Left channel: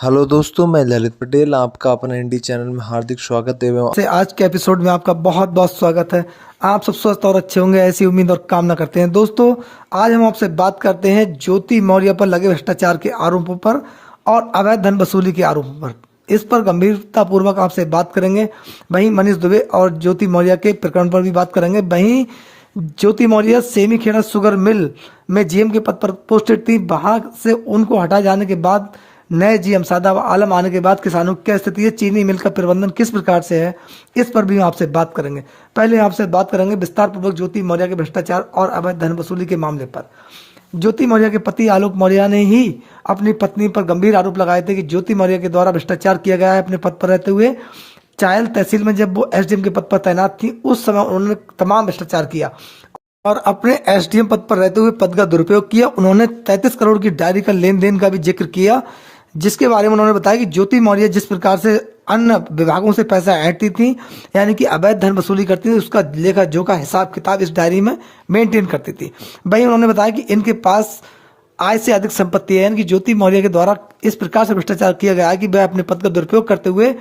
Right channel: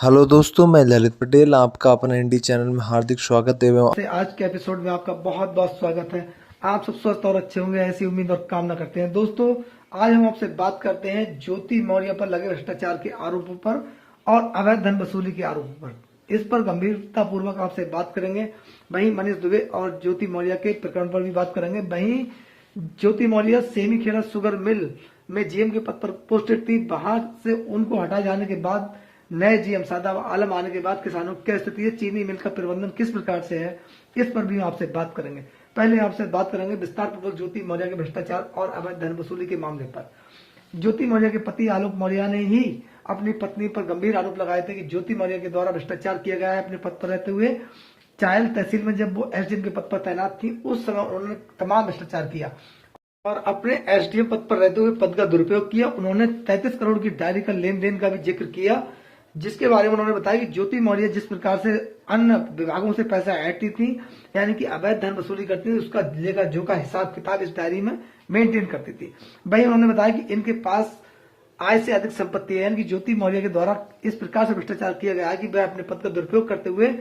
Hello दोस्तों, मैं ललित पटेल आपका अपना इंडी चैनल में हार्दिक स्वागत एवं से आज के एपिसोड में आपका बहुत बहुत स्वागत है। आप सब स्वस्थ और अच्छे होंगे ऐसी उम्मीद और कामना करते हैं। दोस्तों, आज हम आपसे बात करते हैं ज्योति मौर्य पर लगे भ्रष्टाचार के आरोपों पर और अवैध धन वसूली के आरोपों पर। इस पर गंभीरता पूर्वक आपसे बात करेंगे। वहीं मनीष दुबे और ज्योति मौर्य के प्रकरण पर भी बात करेंगे। वहीं ज्योति मौर्य सेमीखेड़ा शुगर मिल में जीएम के पद पर पोस्टेड थी। वहां से उनको हटा जाने के बाद नए जीएम सादाब आलम आने के बाद किसानों की क्या स्थिति है, चीनी मिल का प्रबंधन किस प्रकार से है, इस पर भी हम आपसे बात करेंगे। पहले आपसे बात करेंगे विस्तार पूर्वक ज्योति मौर्य के भ्रष्टाचार और अवैध धन वसूली के मामले पर। ज्योति मौर्य के पति आलोक मौर्य ने ही अपनी पत्नी पर गंभीर आरोप लगाए थे कि ज्योति मौर्य के द्वारा भ्रष्टाचार किया गया है। अपने पद पर रहते हुए चायल तहसील में जब वो एसडीएम के पद पर तैनात थी, उस समय उन्होंने तमाम भ्रष्टाचार किया और अपने एसडीएम पद पर रहते हुए पद का दुरुपयोग किया। उन्होंने 33 करोड़ की डायरी का लेन देन का भी जिक्र किया, जिसके बारे में उन्होंने बताया कि ज्योति मौर्य जिस प्रकार से अन्य विभागों से पैसा ऐंठती थी, यानी कि अवैध धन वसूली करती थी, उसका लेखा जोखा हिसाब किताब इस डायरी में मेंटेन करती थी। वहीं उन्होंने बताया कि इनके पास आय से अधिक संपत्ति है, यानी कि ज्योति मौर्य के द्वारा इस प्रकार से भ्रष्टाचार किया गया है कि वह अपने पद का दुरुपयोग करते हुए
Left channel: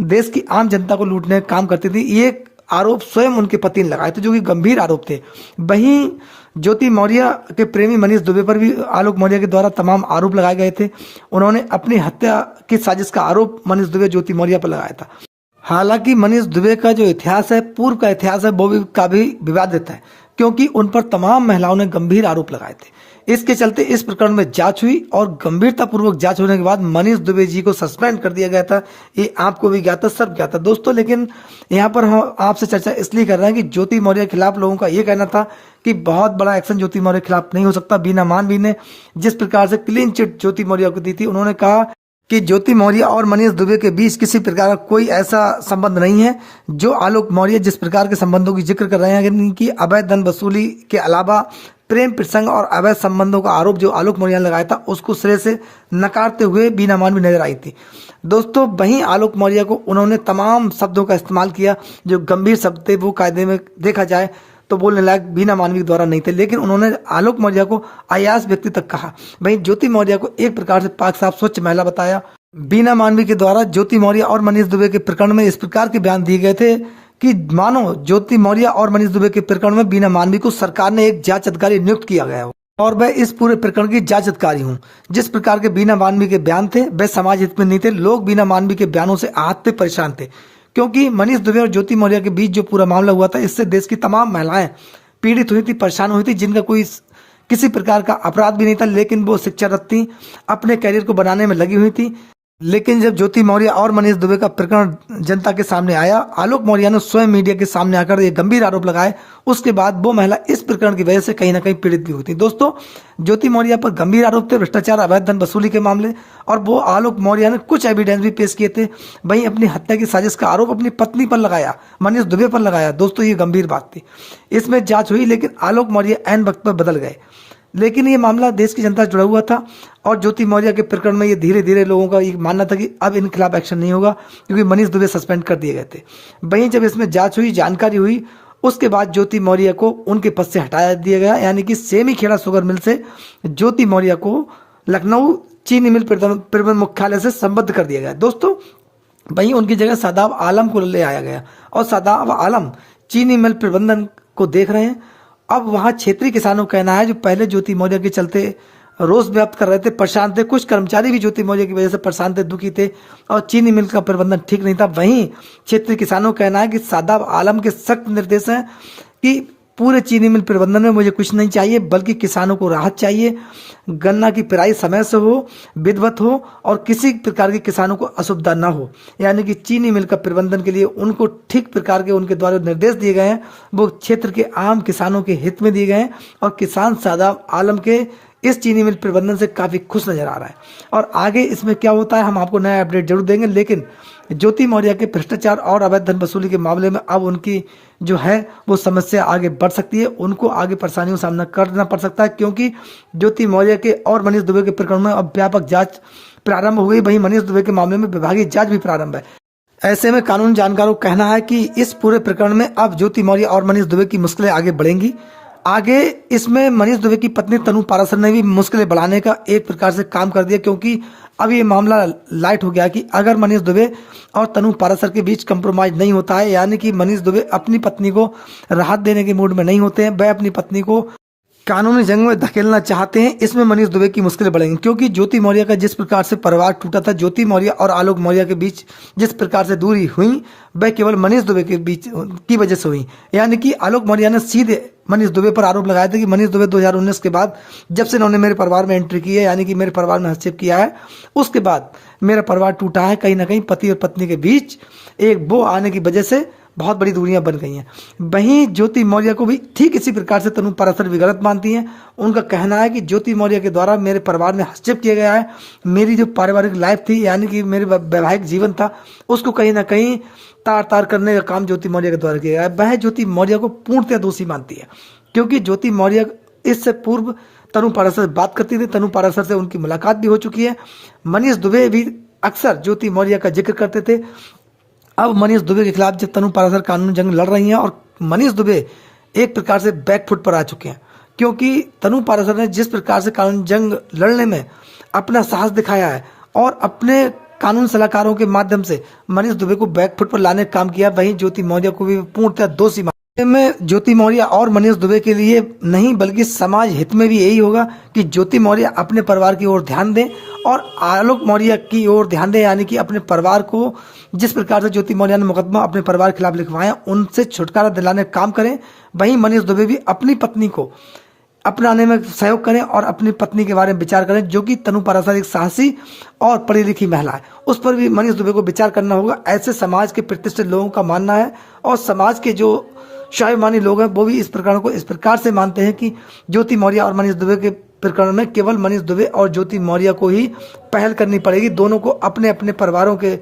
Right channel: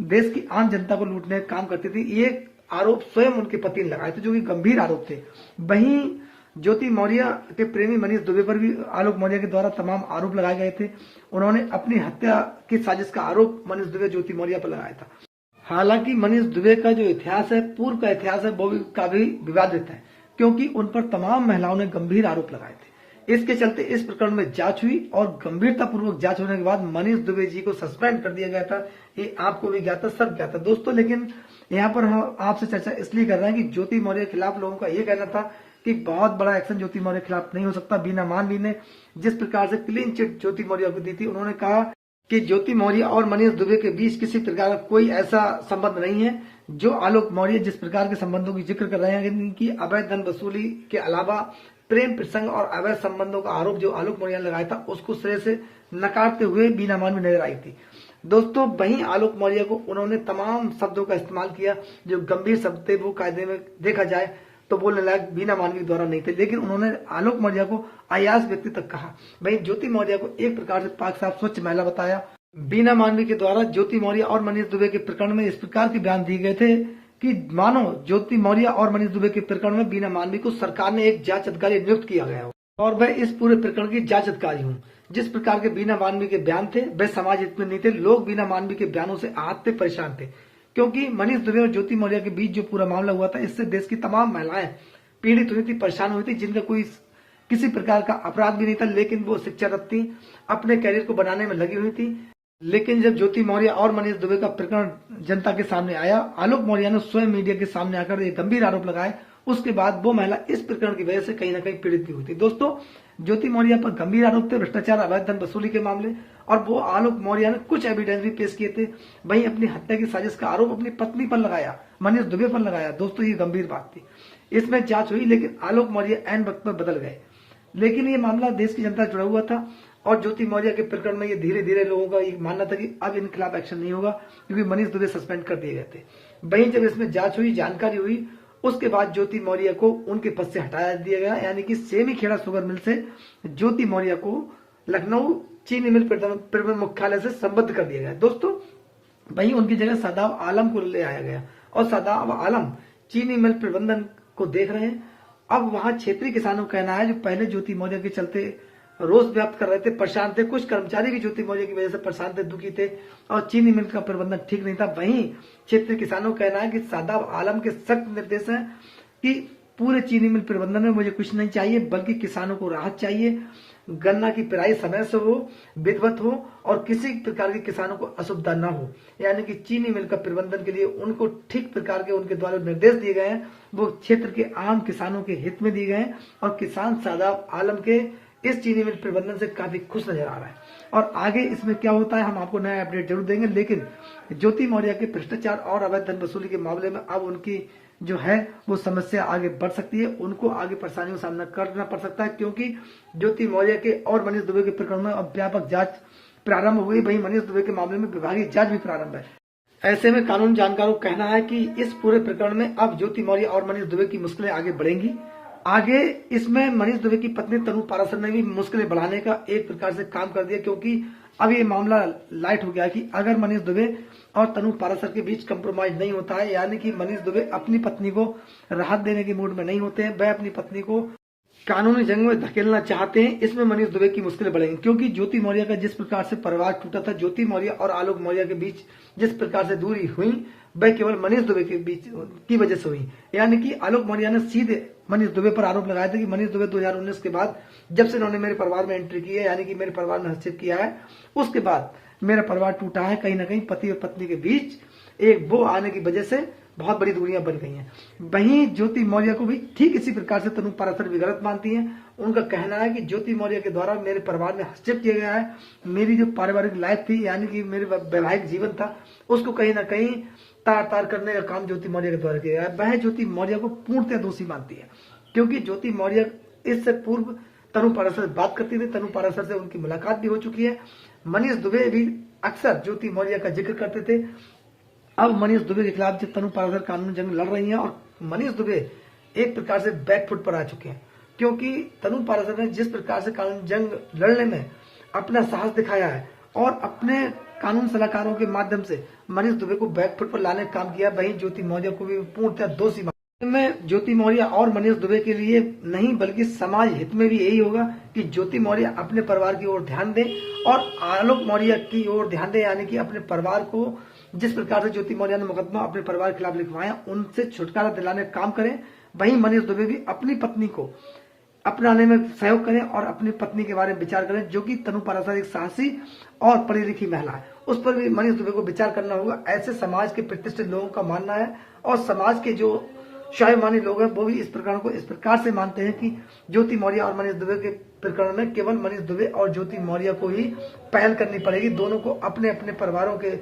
देश की आम जनता को लूटने का काम करती थी। ये आरोप स्वयं उनके पति ने लगाए थे, जो कि गंभीर आरोप थे। वहीं ज्योति मौर्य के प्रेमी मनीष दुबे पर भी आलोक मौर्य के द्वारा तमाम आरोप लगाए गए थे। उन्होंने अपनी हत्या की साजिश का आरोप मनीष दुबे ज्योति मौर्य पर लगाया था। हालांकि मनीष दुबे का जो इतिहास है, पूर्व का इतिहास है, वो भी काफी विवादित है, क्योंकि उन पर तमाम महिलाओं ने गंभीर आरोप लगाए थे। इसके चलते इस प्रकरण में जांच हुई और गंभीरतापूर्वक जांच होने के बाद मनीष दुबे जी को सस्पेंड कर दिया गया था। ये आपको भी ज्ञात था, सब ज्ञात था दोस्तों। लेकिन यहाँ पर हम आपसे चर्चा इसलिए कर रहे हैं कि ज्योति मौर्य के खिलाफ लोगों का ये कहना था कि बहुत बड़ा एक्शन ज्योति मौर्य के खिलाफ नहीं हो सकता। बीना मानवी ने जिस प्रकार से क्लीन चिट ज्योति मौर्य को दी थी, उन्होंने कहा कि ज्योति मौर्य और मनीष दुबे के बीच किसी प्रकार का कोई ऐसा संबंध नहीं है। जो आलोक मौर्य जिस प्रकार के संबंधों की जिक्र कर रहे हैं कि अवैध धन वसूली के अलावा प्रेम प्रसंग और अवैध संबंधों का आरोप जो आलोक मौर्य ने लगाया था, उसको सिरे से नकारते हुए बीना मानवी नजर आई थी दोस्तों। वहीं आलोक मौर्य को उन्होंने तमाम शब्दों का इस्तेमाल किया जो गंभीर शब्द थे, वो कायदे में देखा जाए तो बोलने लायक बीना मानवी के द्वारा नहीं थे, लेकिन उन्होंने आलोक मौर्य को अयास व्यक्ति तक कहा। वहीं ज्योति मौर्य को एक प्रकार से पाक साफ स्वच्छ महिला बताया। बीना मानवी के द्वारा ज्योति मौर्य और मनीष दुबे के प्रकरण में इस प्रकार के बयान दिए गए थे कि मानो ज्योति मौर्य और मनीष दुबे के प्रकरण में बीना मानवी को सरकार ने एक जांच अधिकारी नियुक्त किया गया हो और मैं इस पूरे प्रकरण की जांच अधिकारी हूं। जिस प्रकार के बीना मानवी के बयान थे, वे समाज हित में नहीं थे। लोग बीना मानवी के बयानों से आहत थे, परेशान थे, क्योंकि मनीष दुबे और ज्योति मौर्य के बीच जो पूरा मामला हुआ था, इससे देश की तमाम महिलाएं पीड़ित हुई थी, परेशान हुई थी, जिनका कोई किसी प्रकार का अपराध भी नहीं था, लेकिन वो शिक्षारत थी, अपने कैरियर को बनाने में लगी हुई थी। लेकिन जब ज्योति मौर्य और मनीष दुबे का प्रकरण जनता के सामने आया, आलोक मौर्य ने स्वयं मीडिया के सामने आकर ये गंभीर आरोप लगाए। उसके बाद वो महिला इस प्रकरण की वजह से कहीं ना कहीं पीड़ित भी हुई थी दोस्तों। ज्योति मौर्य पर गंभीर आरोप थे, भ्रष्टाचार, अवैध धन वसूली के मामले, और वो आलोक मौर्य ने कुछ एविडेंस भी पेश किए थे। वहीं अपनी हत्या की साजिश का आरोप अपनी पत्नी पर लगाया, मनीष दुबे पर लगाया दोस्तों। ये गंभीर बात थी। इसमें जांच हुई, लेकिन आलोक मौर्य ऐन वक्त पर बदल गए। लेकिन ये मामला देश की जनता से जुड़ा हुआ था और ज्योति मौर्य के प्रकरण में ये धीरे धीरे लोगों का ये मानना था कि अब इन खिलाफ एक्शन नहीं होगा, क्योंकि मनीष दुबे सस्पेंड कर दिए गए थे। वहीं जब इसमें जांच हुई, जानकारी हुई, उसके बाद ज्योति मौर्य को उनके पद से हटा दिया गया, यानी कि सेमीखेड़ा शुगर मिल से ज्योति मौर्य को लखनऊ चीनी मिल प्रबंधन मुख्यालय से संबद्ध कर दिया गया दोस्तों। वहीं उनकी जगह सादाब आलम को ले आया गया और सादाब आलम चीनी मिल प्रबंधन को देख रहे हैं। अब वहां क्षेत्रीय किसानों का कहना है जो पहले ज्योति मौर्य के चलते रोष व्यक्त कर रहे थे, परेशान थे, कुछ कर्मचारी भी ज्योति मौर्य की वजह से परेशान थे, दुखी थे, और चीनी मिल का प्रबंधन ठीक नहीं था। वहीं क्षेत्रीय किसानों का कहना है कि सादाब आलम के सख्त निर्देश हैं कि पूरे चीनी मिल प्रबंधन में मुझे कुछ नहीं चाहिए, बल्कि किसानों को राहत चाहिए, गन्ना की पिराई समय से हो, विधिवत हो, और किसी प्रकार के किसानों को असुविधा ना हो। यानी कि चीनी मिल का प्रबंधन के लिए उनको ठीक प्रकार के उनके द्वारा निर्देश दिए गए हैं, वो क्षेत्र के आम किसानों के हित में दिए गए हैं, और किसान सादाब आलम के इस चीनी मिल प्रबंधन से काफ़ी खुश नजर आ रहा है। और आगे इसमें क्या होता है हम आपको नया अपडेट जरूर देंगे। लेकिन ज्योति मौर्य के भ्रष्टाचार और अवैध धन वसूली के मामले में अब उनकी जो है वो समस्या आगे बढ़ सकती है, उनको आगे परेशानियों का सामना करना पड़ सकता है, क्योंकि ज्योति मौर्य के और मनीष दुबे के प्रकरण में अब व्यापक जांच प्रारंभ हो गई। वहीं मनीष दुबे के मामले में विभागीय जांच भी प्रारंभ है। ऐसे में कानून जानकारों का कहना है कि इस पूरे प्रकरण में अब ज्योति मौर्य और मनीष दुबे की मुश्किलें आगे बढ़ेंगी। आगे इसमें मनीष दुबे की पत्नी तनु पाराशर ने भी मुश्किलें बढ़ाने का एक प्रकार से काम कर दिया, क्योंकि अब ये मामला लाइट हो गया कि अगर मनीष दुबे और तनु पाराशर के बीच कंप्रोमाइज नहीं होता है, यानी कि मनीष दुबे अपनी पत्नी को राहत देने के मूड में नहीं होते हैं, वह अपनी पत्नी को कानूनी जंग में धकेलना चाहते हैं, इसमें मनीष दुबे की मुश्किलें बढ़ेंगी। क्योंकि ज्योति मौर्य का जिस प्रकार से परिवार टूटा था, ज्योति मौर्य और आलोक मौर्य के बीच जिस प्रकार से दूरी हुई, वह केवल मनीष दुबे के बीच की वजह से हुई। यानी कि आलोक मौर्य ने सीधे मनीष दुबे पर आरोप लगाया था कि मनीष दुबे 2019 के बाद जब से इन्होंने मेरे परिवार में एंट्री की है, यानी कि मेरे परिवार में हस्तक्षेप किया है, उसके बाद मेरा परिवार टूटा है। कहीं ना कहीं पति और पत्नी के बीच एक वो आने की वजह से बहुत बड़ी दूरियां बन गई हैं। वहीं ज्योति मौर्य को भी ठीक इसी प्रकार से तनु पाराशर भी गलत मानती हैं। उनका कहना है कि ज्योति मौर्य के द्वारा मेरे परिवार में हस्तक्षेप किया गया है, मेरी जो पारिवारिक लाइफ थी, यानी कि मेरे वैवाहिक जीवन था, उसको कहीं ना कहीं तार तार करने का काम ज्योति मौर्य के द्वारा किया गया है। वह ज्योति मौर्य को पूर्णतः दोषी मानती है, क्योंकि ज्योति मौर्य इससे पूर्व तनु पाराशर से बात करती थी, तनु पाराशर से उनकी मुलाकात भी हो चुकी है। मनीष दुबे भी अक्सर ज्योति मौर्य का जिक्र करते थे। अब मनीष दुबे के खिलाफ जब तनु पाराशर कानूनी जंग लड़ रही हैं और मनीष दुबे एक प्रकार से बैकफुट पर आ चुके हैं, क्योंकि तनु पाराशर ने जिस प्रकार से कानूनी जंग लड़ने में अपना साहस दिखाया है और अपने कानून सलाहकारों के माध्यम से मनीष दुबे को बैकफुट पर लाने का काम किया, वहीं ज्योति मौर्य को भी पूर्णतः दोषी में ज्योति मौर्य और मनीष दुबे के लिए नहीं बल्कि समाज हित में भी यही होगा कि ज्योति मौर्य अपने परिवार की ओर ध्यान दें और आलोक मौर्य की ओर ध्यान दें, यानी कि अपने परिवार को जिस प्रकार से ज्योति मौर्य ने मुकदमा अपने परिवार के खिलाफ लिखवाया उनसे छुटकारा दिलाने का काम करें। वहीं मनीष दुबे भी अपनी पत्नी को अपनाने में सहयोग करें और अपनी पत्नी के बारे में विचार करें, जो कि तनु पाराशर एक साहसी और पढ़ी लिखी महिला है, उस पर भी मनीष दुबे को विचार करना होगा। ऐसे समाज के प्रतिष्ठित लोगों का मानना है और समाज के जो स्वाभिमानी लोग हैं वो भी इस प्रकरण को इस प्रकार से मानते हैं कि ज्योति मौर्य और मनीष दुबे के प्रकरण में केवल मनीष दुबे और ज्योति मौर्य को ही पहल करनी पड़ेगी। दोनों को अपने अपने परिवारों के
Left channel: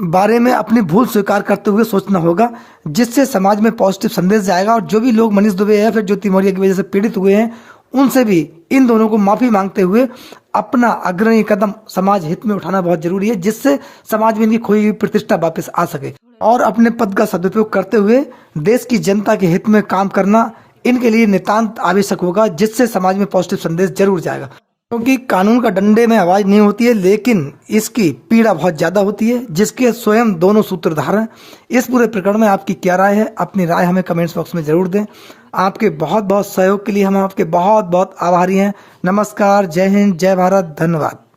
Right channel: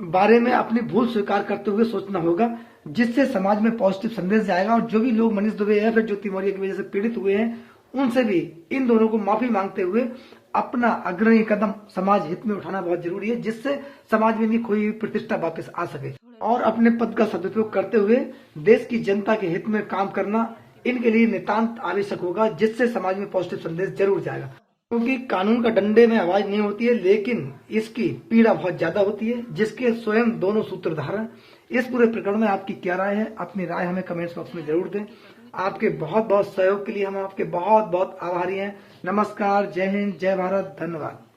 बारे में अपनी भूल स्वीकार करते हुए सोचना होगा, जिससे समाज में पॉजिटिव संदेश जाएगा। और जो भी लोग मनीष दुबे या फिर ज्योति मौर्य की वजह से पीड़ित हुए हैं, उनसे भी इन दोनों को माफी मांगते हुए अपना अग्रणी कदम समाज हित में उठाना बहुत जरूरी है, जिससे समाज में इनकी खोई हुई प्रतिष्ठा वापस आ सके। और अपने पद का सदुपयोग करते हुए देश की जनता के हित में काम करना इनके लिए नितांत आवश्यक होगा, जिससे समाज में पॉजिटिव संदेश जरूर जाएगा। क्योंकि कानून का डंडे में आवाज नहीं होती है, लेकिन इसकी पीड़ा बहुत ज्यादा होती है, जिसके स्वयं दोनों सूत्रधार हैं। इस पूरे प्रकरण में आपकी क्या राय है? अपनी राय हमें कमेंट्स बॉक्स में जरूर दें। आपके बहुत बहुत सहयोग के लिए हम आपके बहुत बहुत आभारी हैं। नमस्कार, जय हिंद, जय भारत, धन्यवाद।